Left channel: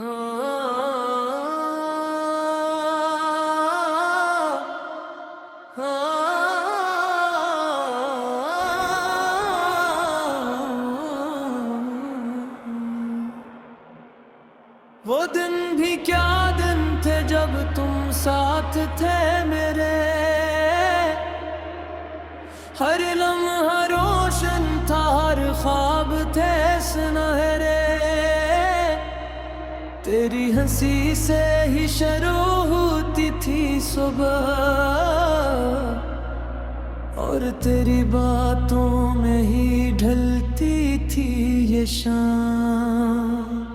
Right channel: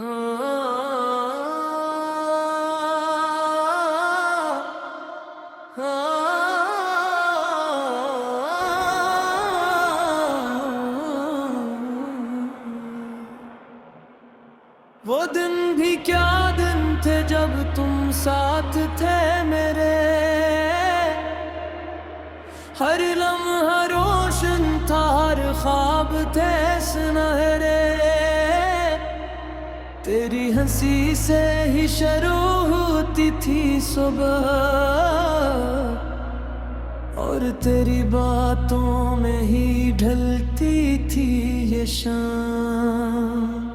वो दिन भी क्या दिन थे जब तुम साथ थे मेरे। हर लम्हा रोशन था, हर ख्वाब थे सुनहरे। तेरी हंसी से ही शुरू होती थी सुबह, और तेरी बातों में ही ढलती थी ये शाम।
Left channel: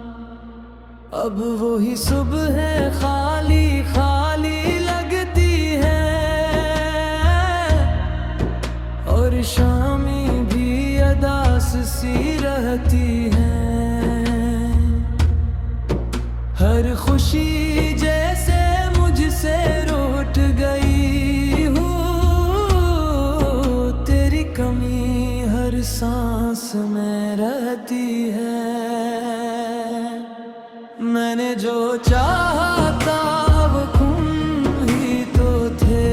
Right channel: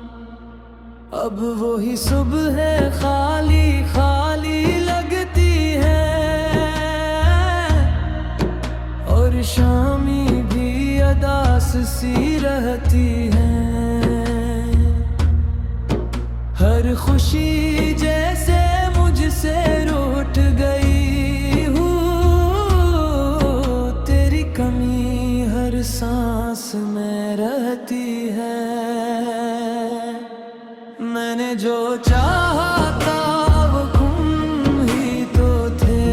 अब वही सुबह है, खाली खाली लगती है, और शामी भी अदास सी रहती है। हर खुशी जैसे मुझसे रूठ गई हूँ, तेरी कमी हर सांस में रहती है। मैंने जो चाहा था वो तुम ही तो थे,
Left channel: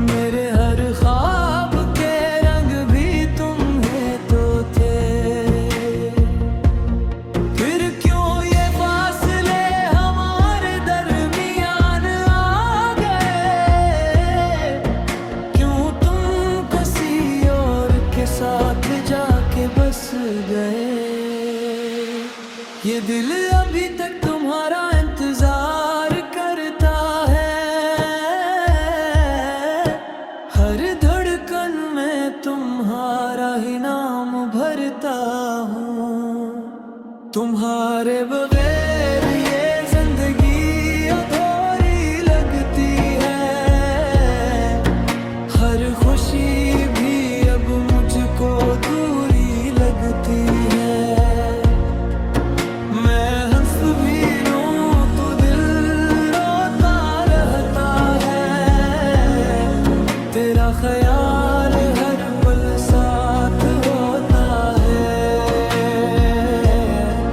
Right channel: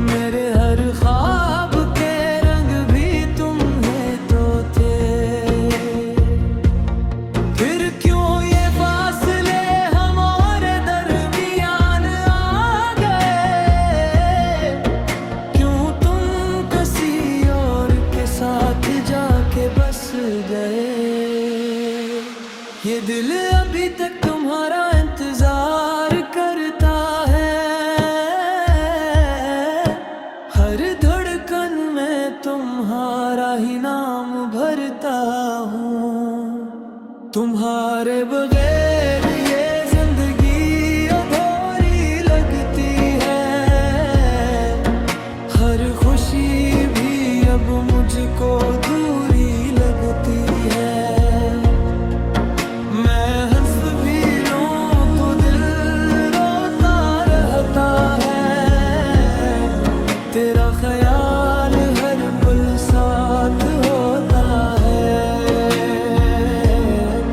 मेरे हर ख्वाब के रंग भी तुम्हें तो थे। फिर क्यों ये फासले हमारे दरमियान आ गए, क्यों तुम किसी और के साथ जाके बस गए। ये दिल अभी तक तुम्हारा इंतजार करता है, हर धड़कन में तुम्हारा ही नाम भरता हूँ। तुम्हारे बगैर ये जिंदगी अधूरी लगती है, हर खुशी भी अब मुझको दूरी लगती है। तेरा ख्याल हर पल साथ होता है,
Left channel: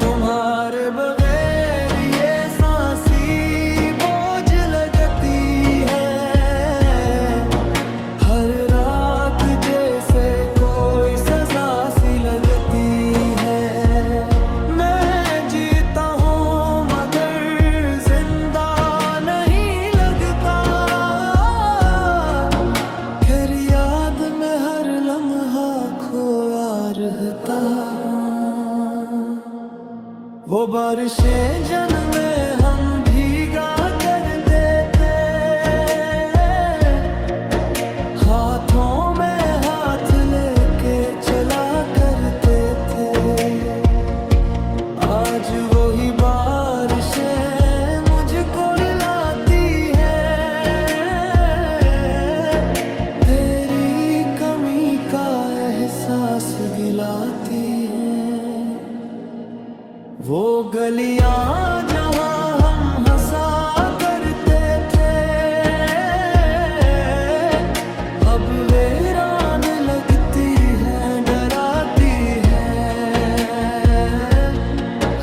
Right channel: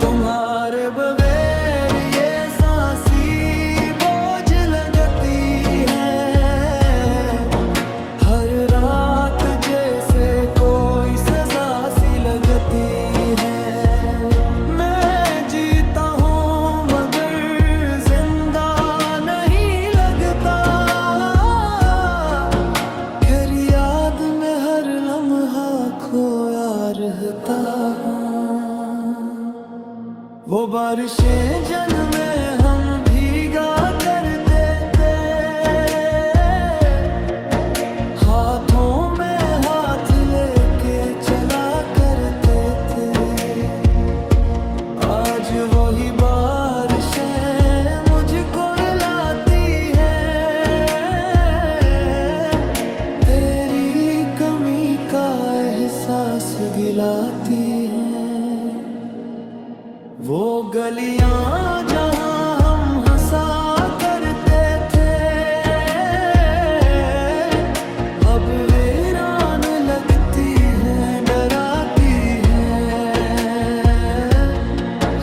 तुम्हारे बगैर ये सांसी बोझ लगती है। हर रात जैसे कोई सजा सी लगती है। मैं जीता हूँ मगर जिंदा नहीं लगता, याद में हर लम्हा खोया रहता हूँ। वो बारिशें जन्मे हम भीगा करते थे, हाथों में हाथ लेके चला करते थे। आज वही बारिशें मुझको रुलाती है, का एहसास दिलाती है। वो गलियां जहां हम हंसा करते थे, अब वीरान लगती हैं, डराती हैं।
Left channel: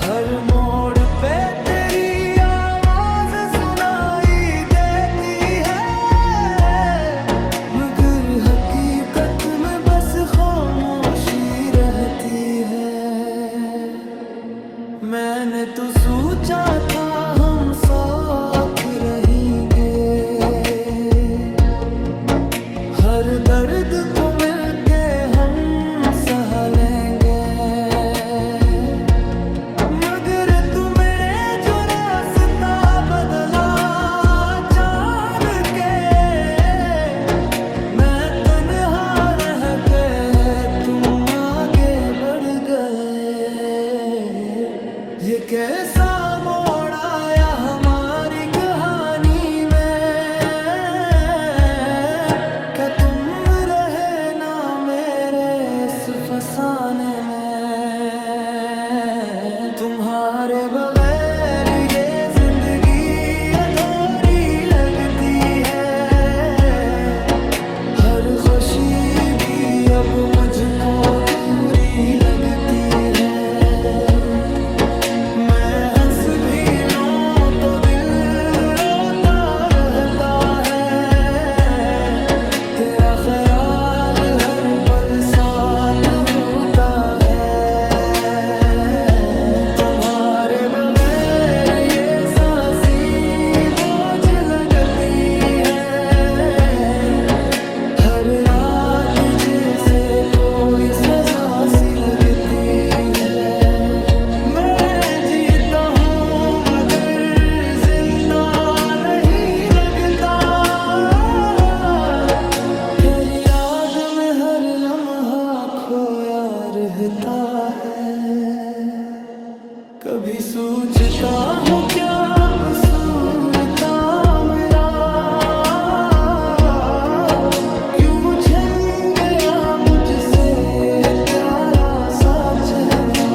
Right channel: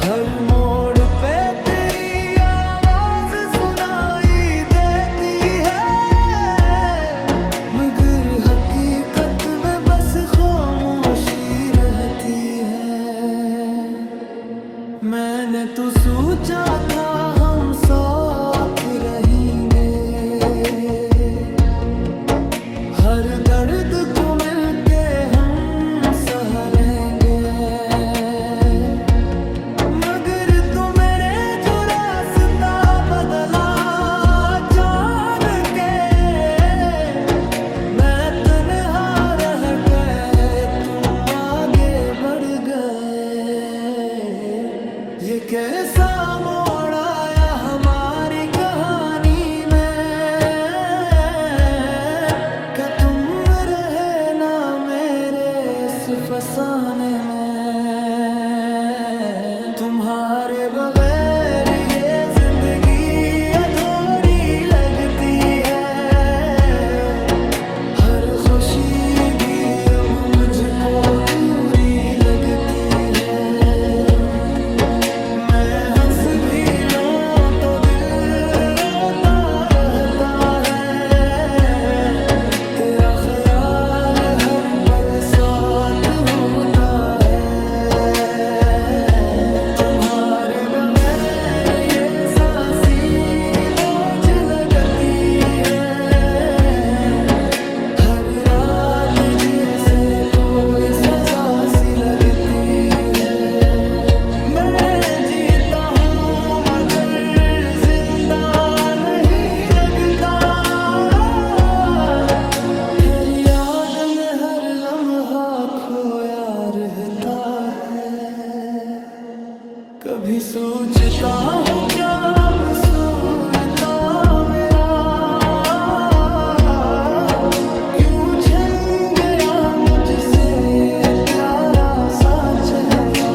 हर मोड़ पे तेरी आवाज सुनाई देती है, मगर हकीकत में बस खामोशी रहती है। मैंने तो सोचा था हम साथ रहेंगे, हर दर्द को मिलके हम सह लेंगे। मगर तू मेरे जो रास्ता बदला जान के, मैं तन्हा रह गए तुम आगे बढ़ गए। ये कैसा मोड़ आया हमारी कहानी में, क्या तुम रहे ना मेरे इस फसाने में। तुम्हारे बगैर ये जिंदगी अधूरी लगती है, हर खुशी भी अब मुझको दूरी लगती है। कभी सोचता हूँ क्या कसूर था मेरा, क्यों झन गया मुझसे ये प्यारा सा चेहरा।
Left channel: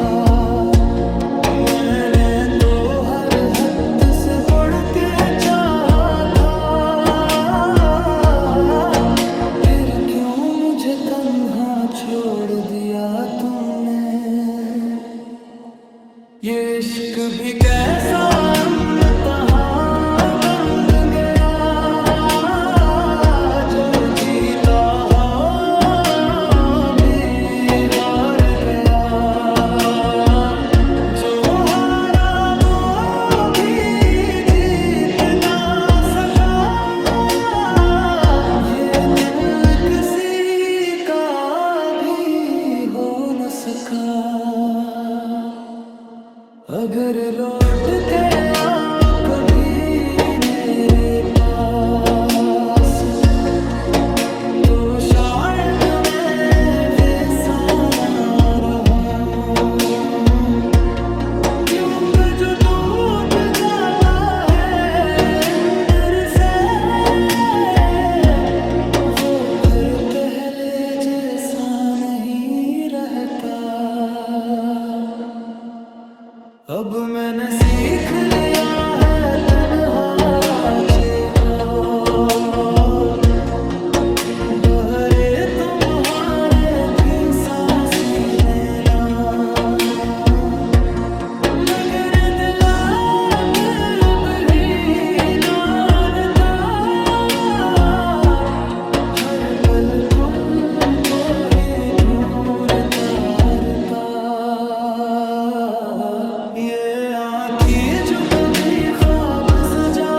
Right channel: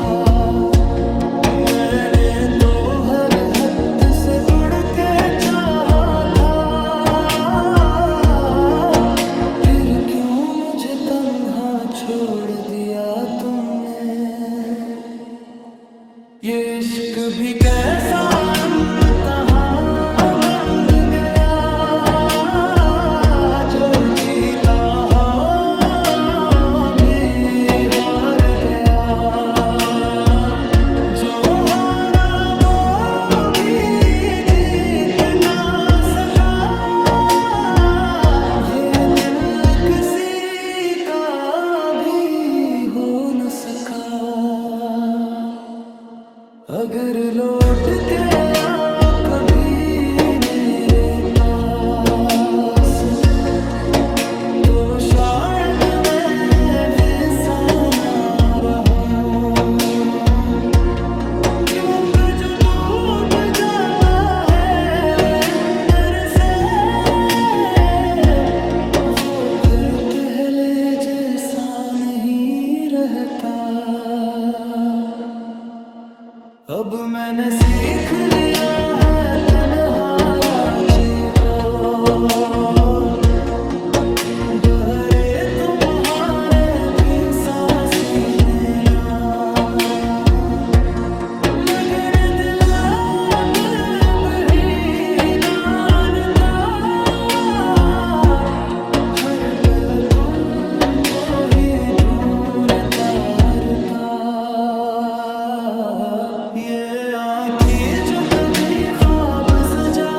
मैंने तो हर हद से बढ़ के चाहा था, फिर क्यों मुझे तन्हा छोड़ दिया तुमने। ये इश्क भी कैसा इम्तिहान बन गया, जो जीता हो भी हार गया, जो हारा वो भी जीत ना सका। ये दिल किसी का भी हो न सका। अगर लौट के आओ कभी मेरे पास, तो शायद मैं बेसाना रहूं, क्योंकि जो टूट जाता है अंदर से, वो फिर पहले जैसा नहीं रहता। अब मैंने सीख लिया है तन्हारा को, बहरे तुम्हारे भी सांसी लेना, मगर दिल अब भी जानता, हर पल तुमको ही ढूंढता रहता। ये आँखें जो कभी ख्वाब सजा